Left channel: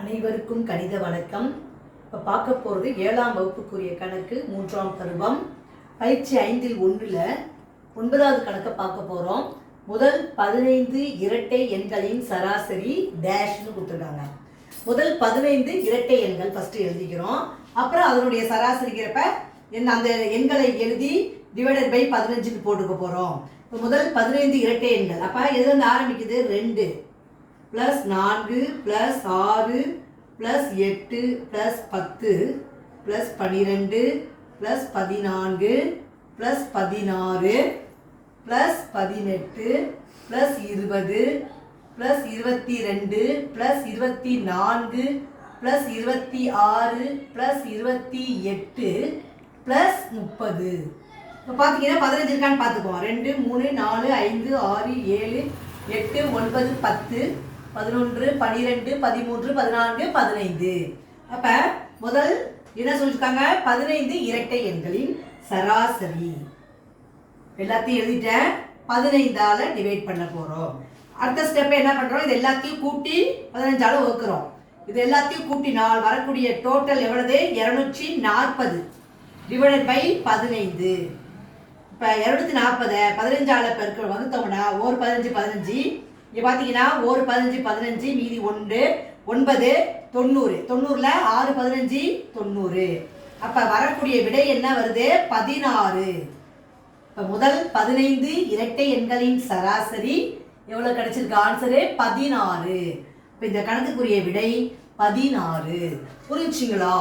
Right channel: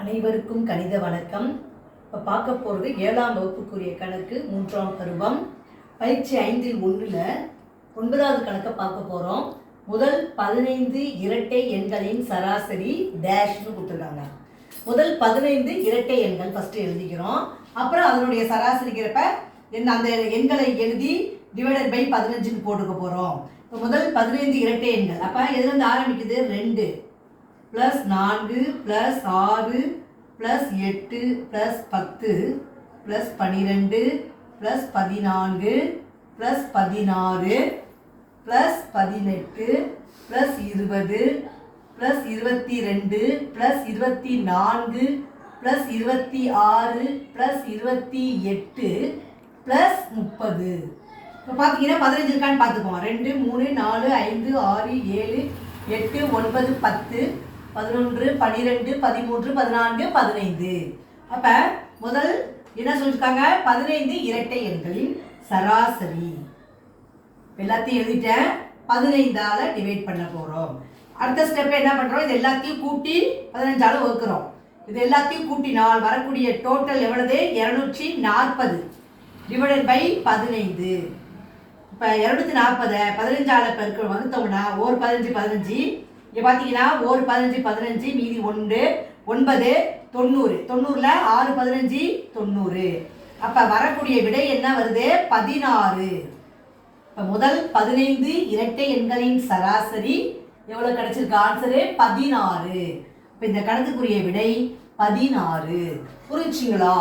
அனைவருக்கும் கணித வணக்கம். இப்போ பார்க்க போகிறது 7ஆம் வகுப்புக்குரிய கணக்கு 3ஆம் பருவம் பயிற்சி 5இல் 1ல் 9வது கணக்கை பார்க்க போகிறோம். முதல் 15 இரட்டை எண்களின் சராசரி டேஷ்னு கொடுத்துருக்காங்க. முதல் 15 இரட்டை எண்கள் ஃபஸ்ட்டு எழுதிக்கிறோம். அப்புறம் அதனுடைய சராசரிக்கிறப்ப அந்த எண்களை எழுதி டிவைடட் பை 15க்கு போட்டுக்க போகிறோம். இப்போ முதல் 15 இரட்டை எண்கள். அப்போ எதுலேருந்து ஆரம்பிக்குது? 2 + 4 + 6 + 8 + 10 + 12 + 14 + 16 + 18 + 20 + 22 + 24 + 26 + 28 + 30. இப்போ பார்த்தீங்கன்னா 15 இருக்கான்னு பார்த்துக்கோங்க. 2 3 4 5 6 7 8 9 10 11 12 13 14 15. அப்ப முதல் என்ன சொல்லிருக்காங்க? 15 இரட்டை எண்களின் சராசரி. எல்லாத்தையும் எழுதிட்டேன். 15ஆல டிவைட் பண்ண போறோம். அடுத்த ஸ்டெப் என்ன பண்றோம்? இது எல்லாத்தையும் கூட்டி 15ஆல வகுக்கிறோம். இது எல்லாத்தையும் கூட்டினால் வரக்கூடிய டோட்டல் எவ்வளவு? 240 டிவைடட் பை 15. இப்ப 240 15ஆல பெருக்க வகுத்தோம்னா 1 15 15. இங்கே பார்த்தீங்கன்னா 1 15 15 மீதி 1 9 90. 90ல் 6 15 90. அப்போ வரக்கூடிய விடை என்ன வருது? 16. இப்போ முதல் 15 இரட்டை எண்களின் சராசரி எவ்வளோ கிடைச்சிருக்கு? ஆன்சரு 16. இப்போ இந்த கணக்குக்குரிய விடை 16. புரிஞ்சுங்களா?